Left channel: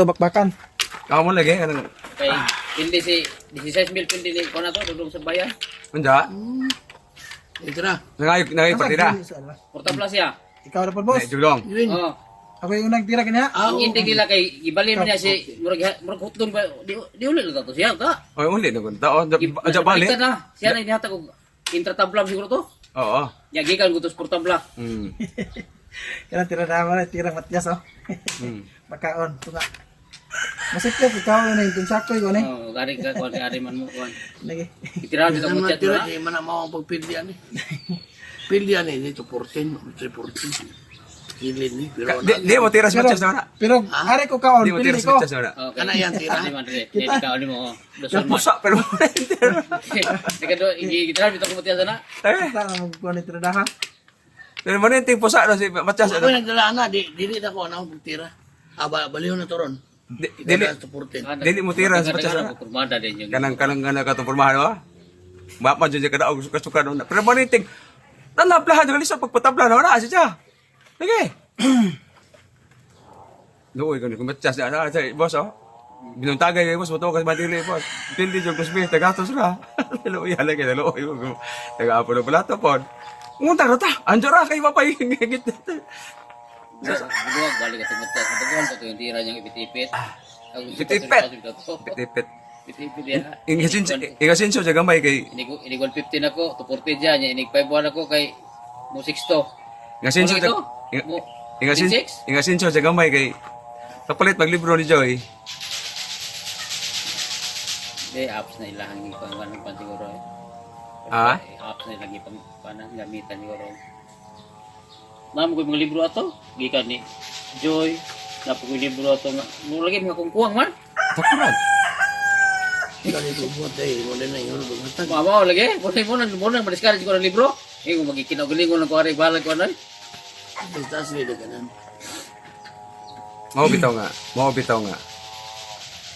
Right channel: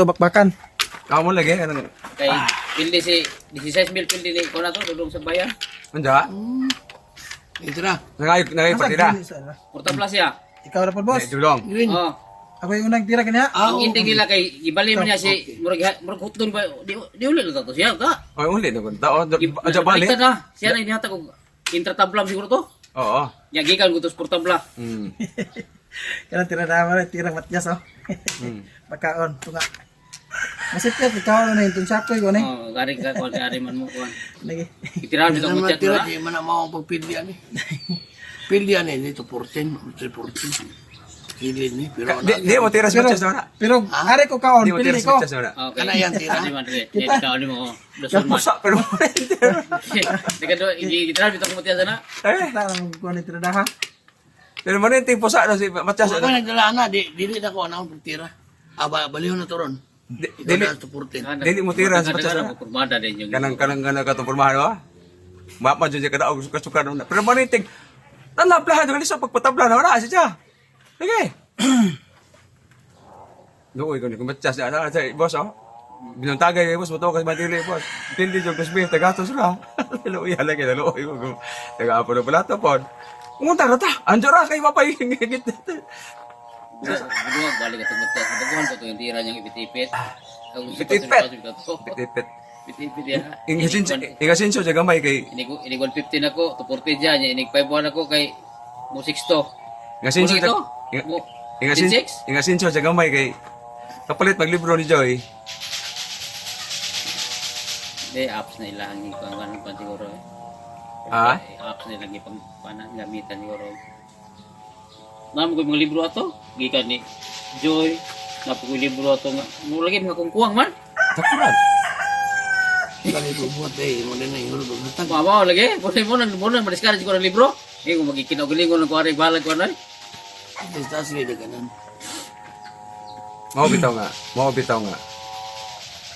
dito bakbakan. Kamu lagi kan? Kay pildi si 16 mil pildi ni ko na to dudong sa bayan. Manja. Ito na. Nangay partida. Porta plus ya. Ikaw na po boss. Julong. Yun. Oh. Ako yung nagtira kanya. Ang hindi nila kay gibali man niya si murag hutdon ba di uli lang to siya ta. Oh, ulit na kunta. Oh, aja balik. Kita na. Siya na inihatag og intratablam siguro to. Oo. Ya gikan ko to portabla. Yan tira na mo tirang Matyas oh. Bakaon tunga. Masakit ikaw na yung sako ko ni. Oh, gari ka ko gari man mo ko. Lagi. Itirahan bitaw mo chat na. Di man na mao pagpildian ni. Pildian ni dito 14, 14. Pildian ni pero Di mo tiras Pero, Matyas na. pero hari ko kaon Di mo pili tiras ko. Matyas na. Okay. Kana yan, tira. Ano man dire? Ikaw ni mo. Doson man. Pusa pero. Dikado itirahan bitaw mo tiya sana. Tara ko ni tira daha. Pero mo yung pusa na si Matyas. Ako nagdala na dili na ko ana pagtira. Aba baliw na toron. Dili to 14. Dili mo tiras Matyas na. Kurmada din yung. Kanang katong pormahan wa. Mapa jud kada og kasukan na. Pero mo niting talablahan jud sa pagpatabla na siya. Sige. Doon ko ni Matyas na boss oh. Binuntagay kay boss moto kasi madili boss. Pindi jud kusbi tagatos ka. Luoy lagi luoy ko. Taga apo na pala to pod. Munta ra ta. Anjara kay mapahingit. Buduag balik ka tumutya sa baguhan ko yung tira niyang ipit-ipit. Ipit-ipit. Tipit. Ipit-ipit yan. Ingasinso sa gamay kay Inig 150 ako, 240 dyan. Inig 5 buwan ako kay mo 6 to. Ingasinso Ano ito? Mo- Ingasinso sa gamay kay kapalit maglibro ni Joy. Di, apps na ilang ito ang ganun pa siguro eh. Ah? Apps na ilang ipang gamitan siguro. Mami ko yung mga libro ato. Gikan ni Joy. Napo ko yung libro ato. Mo lagi mga kungkuang man. Takuran. Kani ko buat mo din na yun basta. Mamaw lagi. Muna ma-discourage ko ng libro. Eh, kung magkikinagulingon ng kuwarig balag ko na. Basta sila kanan. Mao bitaw nga.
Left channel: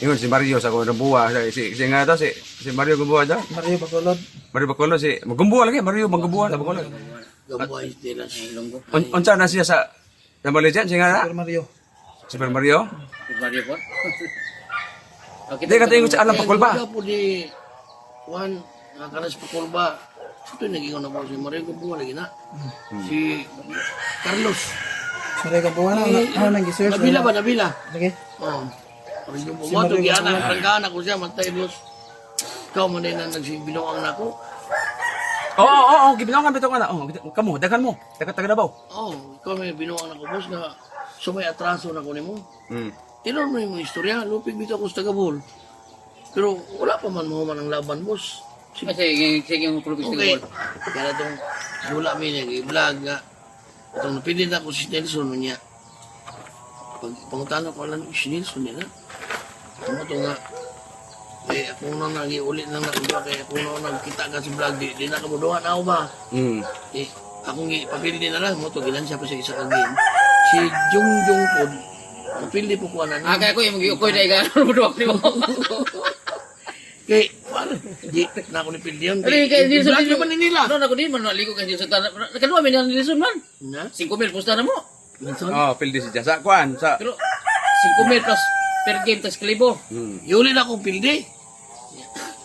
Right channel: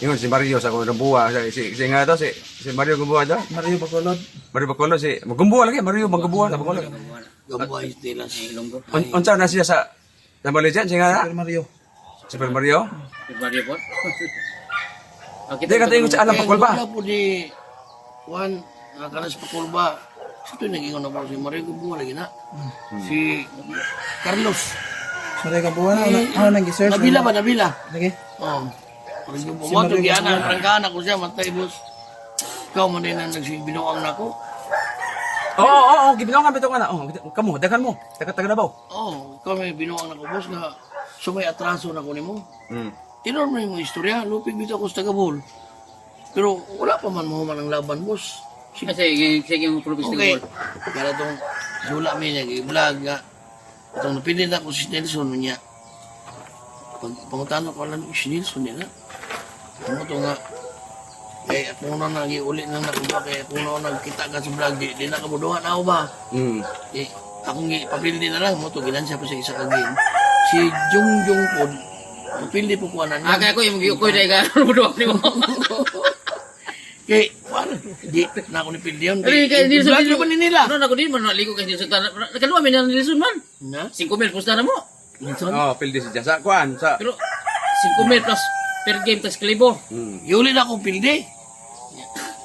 Ingon si Mario sa ko buwa si nga to si Mario gumbuwa daw. Mario Bacolod. Mario Bacolod si magumbuwa lagi Mario magumbuwa sa Bacolod. Gambay sila. Ilonggo. Unsa na siya sa Malaysia si nga Super Mario. Super Mario. Mario po. Di ka tingin sa alam pakul ba? Wala po di Juan nakaras pakulba. Ito naging na po si Mario Gambuha lagi na. Si Carlos. Mario Gambuha na ano nang gisearch. Nabila ba nabila? Lagi. Oh. Mario Gambuha to diyan ang prangkana ko siya matay boss. Ikaw man din ang nagbinuang nako. Oo, gibinangan bitaw na. Oh, kamo, dagan mo. Taga Davao. Oh, ikaw may binuang nako boss nga sumay atraso na ko nimo. Mm. Tinon mo yung istorya, lupig bitaw ko sa Tagabol. Pero wala pa man mahuman ang laban boss. Kasi yung pulpis Okay. ko. Kaya itong Jula may nag-vlog nga. Itong napili na ko si Nelson niya. Pag pangutano ko alam si Nelson niya na. Ano ito nga. Eh ako na nag-iulit na nakuha. Kaya ako na nagkita ka sa vlog. Di na kamuduhan ako ba? Eh akong ipapildi na lang mo ito. Ginansya pa sa isa ka game. Si Jungjung po. Papildi po ko na. Kaya ko yung mag-iukoy na ikan. Ano mo doon mo? Eh, wala. Di na ako nipildi yun. Pero kay Nilsson Vlog naman ni nila. Ano na ko din man naligo kay Nilsson tanan. Nakaluwa mi na Nilsson man. Na? 5,000 pusta na mo. Nelson? Oh, pildi si Jan sa kuan sa. Pero 5,000 plus per game tas klibo. Iuli na akong pildi.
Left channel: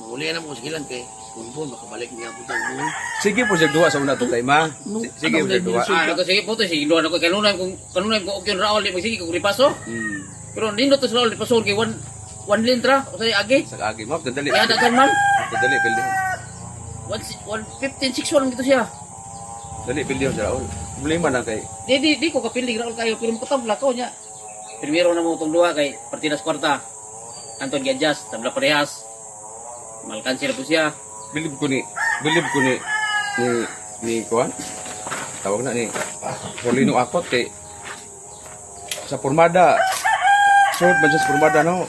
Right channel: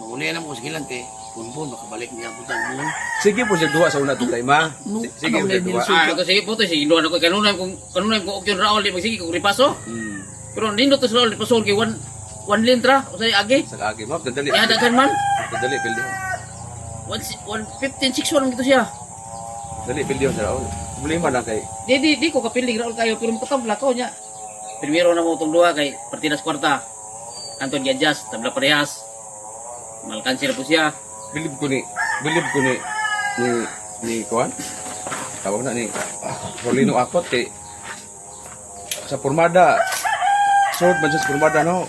Uli na mo sige lang kay Punpun, makabalik niya po tayo mo. Sige po siya duwa sa una to time ha. Sige po siya duwa. Ko sige po to sige duwa na ko kanunay ko okyon Raul di magsige ko ripaso. Pero nindot to sa Raul ripaso kay one lintra o say agi. Sa agi mo, dadali. Kaya dagan man. Dadali pildi. 115 6 gito siya. Dali pildi sa Raul. Problema na kay. Di ko kapili Raul kayo pero makatabla ko niya. Primero na mo tong duha kay Partidas Kwarta. Anton Gadjas, tabla parehas. Malkansi na po siya. Bilib ko ni kuan. Tawag na ni Rolino Akot kay sa pormada. Short ba sa pormada no?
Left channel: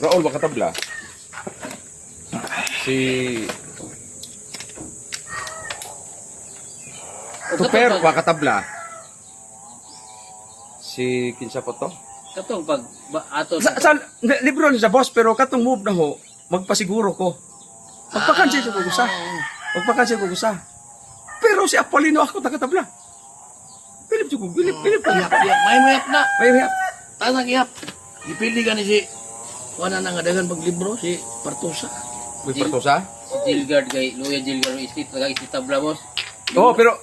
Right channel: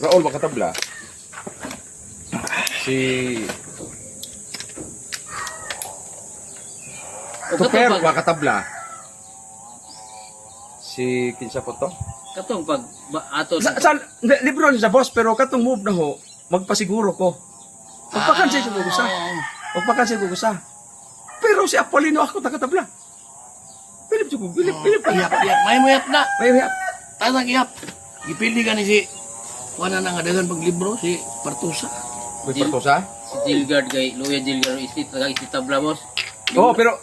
Raul makatabla. Si Tuper makatabla. Si kinsa po to? Katong pag ato Sa libro ni sa boss pero katong move na ho magpasiguro ko. Magpakansin ko gusa. Magpakansin ko gusa. Pero si Apolino ako tagatabla. Pilip ko, pilip. Iyap. May mayap na. Ay, Tanang iyap. Ipili ka ni si wala na nga dagan paglibro si Partusa. Uy, Partosa? Si Dilgard kay Luya Dilgard istit taga tabla boss. Oo, pero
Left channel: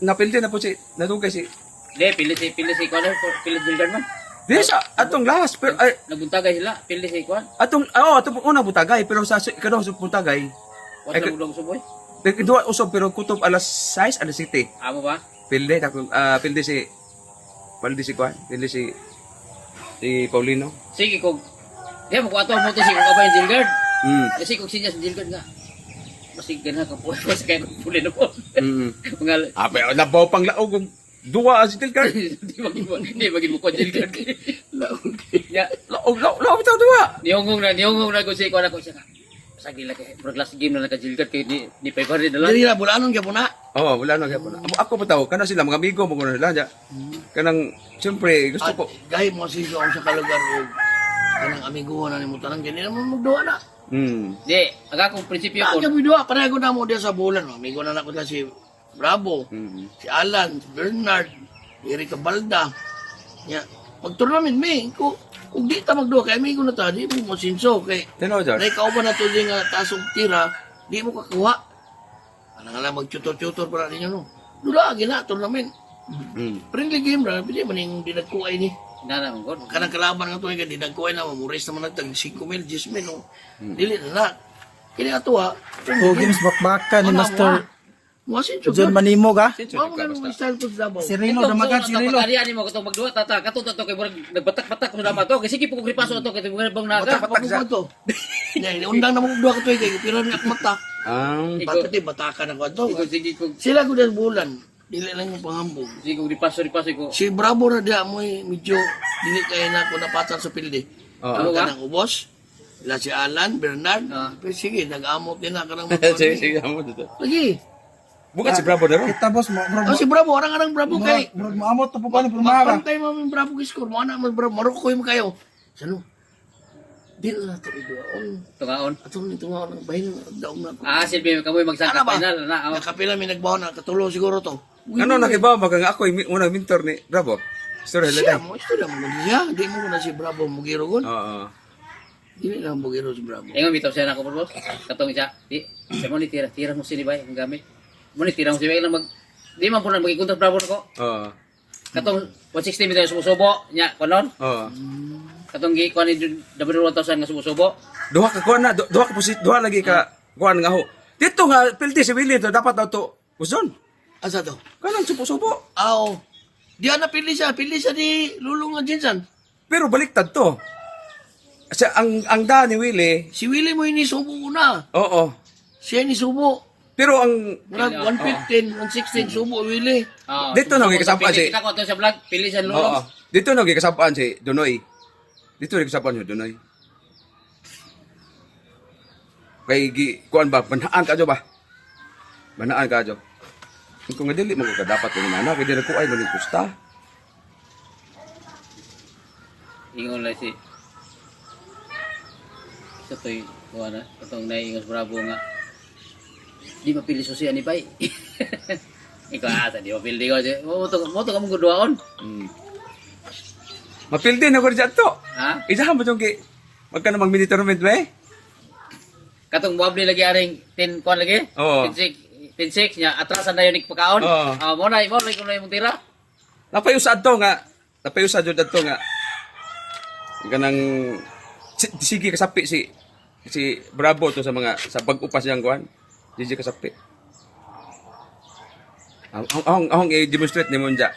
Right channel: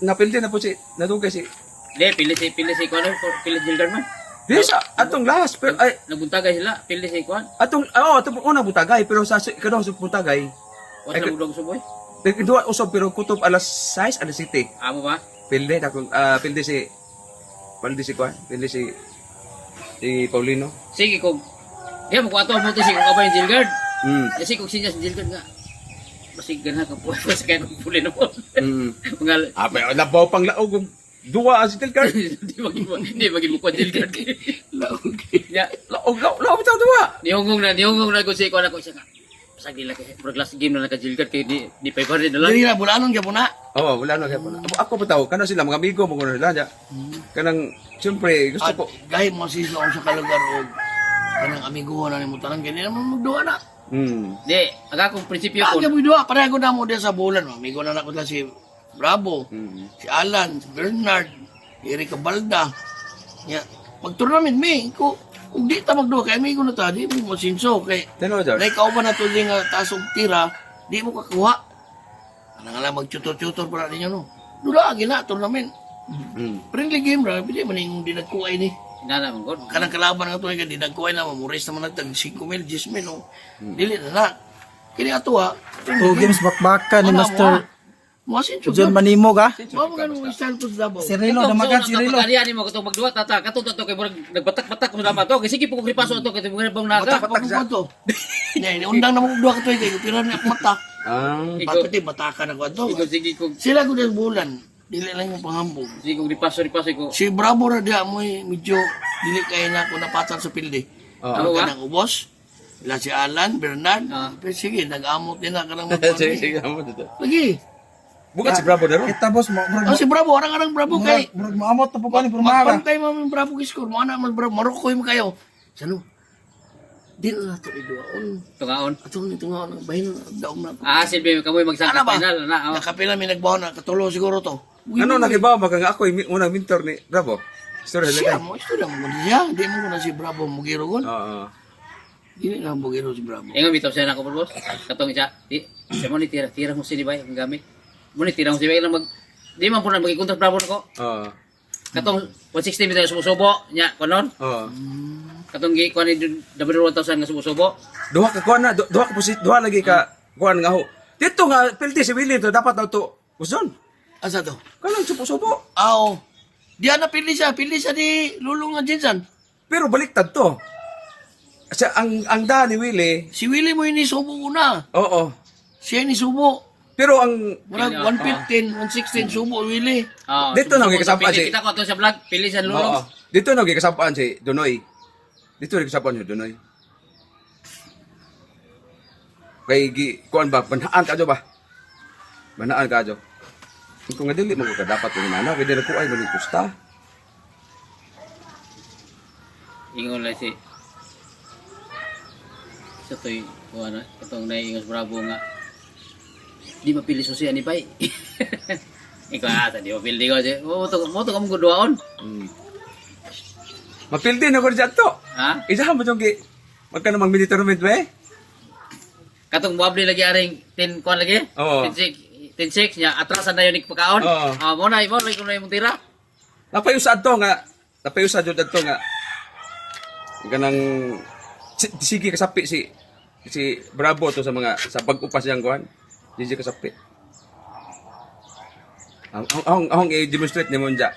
napildi na po si, nadugay si, Di pili si Connor, pili Dilgard man. di sa, atong last, pero, ay, Nabuntagay sila, pili si Kwan. atong unang butagay, pero sa ikadong sa butagay, Wala na budong suboy. duwa usab, pero kutob alas 6, alas 7. Amo ba? Pilde, pilde si Kwan, pilde si Paulino. Sige kog. Di mo ko ato mo si kung abay Dilgard. Mm. Kasi kung sinya si Dilgard nga. Basig gana ka po, basig kaya kong puli na po. Mm. Mga Pero nabaw pang laog, duwa si Tilkar. di maging mo ko Dilgard. Ya, Laog ito duwa. nihungong na ko si Kwan ako isa nga. Basag nila kay pro class game na naka Dilgard kay di 500 na lang. Dili na bulanon gyud na. Oo, wala na kaya ako pa tao, kana sila, mga amigo mo ko na sila. Kanang, siyempre, gusto At ko, dahil mo siso ang sa kalugar o kanang amigo na ni mo tanang ganyan naman magduwa na. Di, aga kong prinsipyo ko. Kaya mo duwa, pareho na mo din sa bulan. Amigo na nakita si Bravo, si Alan, si Bernard, si Erika Balda. Ya, pag-tournament may, kung di ta magduwa, kaya amigo na ta, di mo sinso. Kaya, tanaw dyan. naikauban na to din nga tasong tira, di mo kakuha. Ano nga lang, mag-tutor-tutor para ninyo, no? Dula, gina, tournament. Friendly game ra, pwede man yung dinagkuhay ni. Nana mo god. Kanang kalaban nga to, yung dinagkuhay na, mamuris naman natin, 5,000, 10,000, no? Dili na na. Kini ato ha. O games bakbaka ni Master Masin John Manimog ha. Mamo nga nung style to sa Davao. Si Rilo, damagan si Rilo. Kapag mo katong magduwa tata, katong to kay murag nagbatak-batak mo dama to. Kasi sige po kung ripaso to kay mga bang naga. Pagkukuha to. Yan, undang na mo kudua ka to, kay pira niya mata. Bakit batakan ako to? Sige sige kung Sila ko din bulan. Dili lang yung panghambog. sige kung ripaso ko. Si Bravo ra dia mo medyo dili kay na ko napatan sa pilde. Ano ba? Kanang ubos. Ila si Alan, Bernard. Pero sige, nag-amot din na kanang Sige, amo dito. Lagi. Bukan si Bravo daro. Kita boss mo, Oh, si Bravo, orang-orang Bravo kay. murag maamot to po pa ni Purmaga. Magpantay mo yung Bravo score. Mo anak mo Bravo, marukoy mo kayo. Sano? Di na to iduaon. Tungaon. Atong ito nga nang bahin daom na. Silbi kamoy magsaka Ano ba? final na. Nakapila mi nagbaon na katulo siguro to. Ano nakibaw ba nga ako yung unang mentor ni Bravo? Story Siya lagay. mo, ito lang mo niya. Di mo ko na si Bravo mugiro gon. Oo. Dili lang mugiro si Bravo. Ingon bitaw siya na ko boss. Katong isa. Di, sa mo ni tira mo si Bay ang gamit. Mo ni tira mo si Bay lang mag di man po na magikontak bravo nako. Oo. Katong 160 bitaw sumusubo nya konon. Oo. Katong gi kuan ni W1000 nga sumusubo. Duha ka kuan na, duha ka pusit, duha lagi ka kuan nga ho. Dito nga pilti si Willie to dapat daw to. Uson. Asa to? Kanang supo-supo. Aw. Di na pili siya ni Lulong nga Jinsan. Pero baliktad to. Kasi ang da ni Willie, Si Willie mo ini subo una. oo. Siya ni subo. Pero ang Murag 115, 116 subo Willie. Dito na, may kasama si- Kita ko to sa vlog, pili sa oo. lulong. Dito na gikasapaan si Donoy. Dito rin kasapaan si Donoy. Kay kuan ba banhaan ka ba? Banhaan ka jo. Kung nga dili mo ka dapat yung mana, kaya dili ko ay maling kusta. Ingon lang si sa to'y kuha na, katong naiingos bravo nga di mapili susi ani bay. Ikaw asa di mapili ko siya. Mo to kamong guduaon. Mapildi na ko rin to. Ha? Isahan mo itong magkano mag-mini tournament ba eh? Katong muabli lagi aring 10 kuan lagi. Oo. 10-6 niya atrasan na yun pagkaon. Oo. Mo na kung na imong tira. Napayusad to nga. Napayusad yun to nga. Ganang sige kasapi si Bravo to sa mga sa pag-upas niyang kuan. Sige kasapi. Ahong i-demonstrate ni Monja.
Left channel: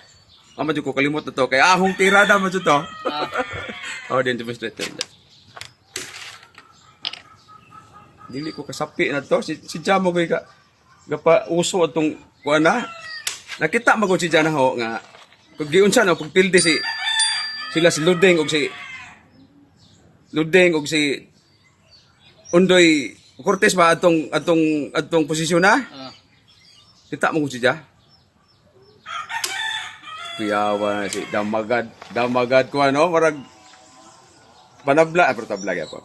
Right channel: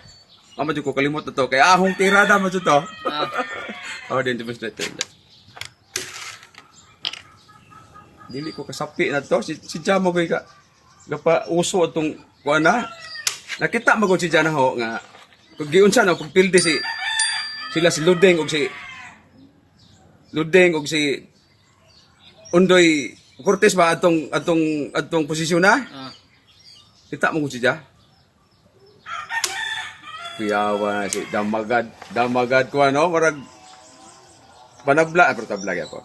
Amo ko kalimot na to. Kaya ahong tirada mo to. Oh, din demonstrate to. Dili ko kasapi na to. Si Jamo ko ka. Gapa uso atong kuan na. Nakita mo ko si Jana ho nga. Kung giunsa no, kung pildi sila si Ludeng og si Undoy Cortez ba atong posisyon na? Kita mo ko si Ja. Kuyawa na si Damagad ko ano, marag panabla, pero tabla ako.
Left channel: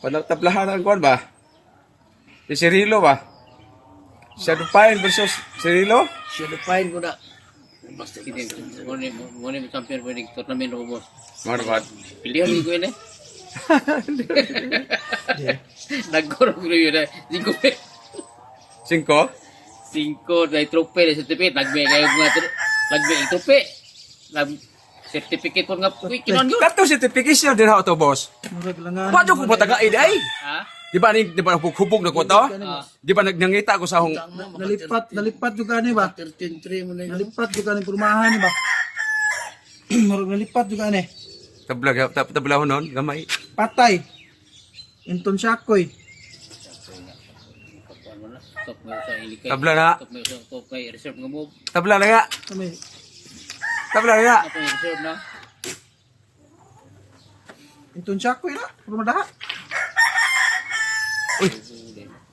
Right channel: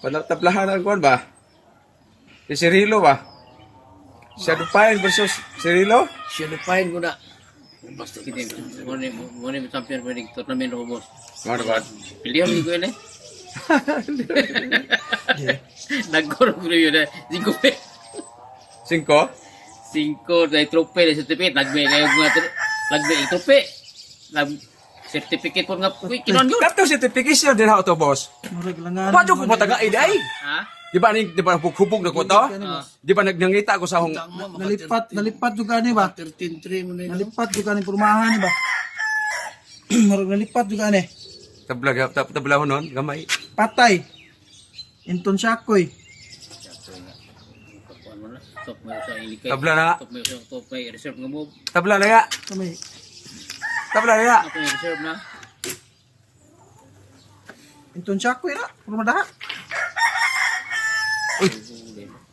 Panablahan ang kuan ba? Si Cirilo ba? Shadow Pine versus Cirilo? Siya lupain ko na. Basta Sige, muna mo champion po yung tournament o boss. Mga nabat. Pilihan mo yun eh. Nagkorong ko yun eh. 5? 5 na trope na certificate. Nagme kayo mga nagme trope. Certificate po nga kinon ko. Kato certification din ako to, boss. Murag lang Paano ko patagain ay? Ha? Di ba hubog na ko to? Di ba nangita ko sa hong... Nalipat juga ni ba? 13-3 mo na yun. Nalipat juga ni perumahan ni ba? Murag nalipat juga ni. Tabla ho nun, gamay. Patay. Inton Shakoy. Ano na? Top mo sa ilikay. Tabla na. Top may reserve nga mo. Tabla na ya. Kami. Tabla na ya. Top may reserve na. Inton Shakoy na. Purmadaha.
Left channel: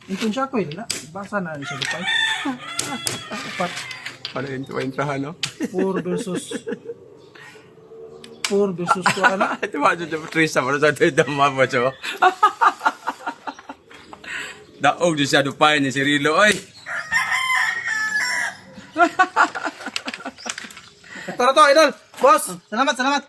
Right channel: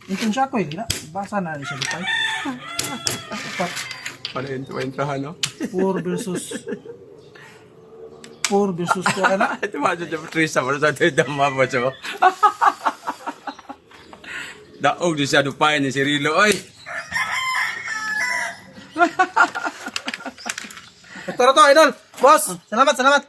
Inton Shakoy. Na. Basa na siya dupay. Apat. Ano yung tuwaintrahan, no? 4 versus 4 versus 4 na. Ito ba ito yung Trisa mo sa ito yung dama mo siya. Daog di siya dupay ni Cirilo, oy. Ito na to, idol. Boss, salamat, salamat.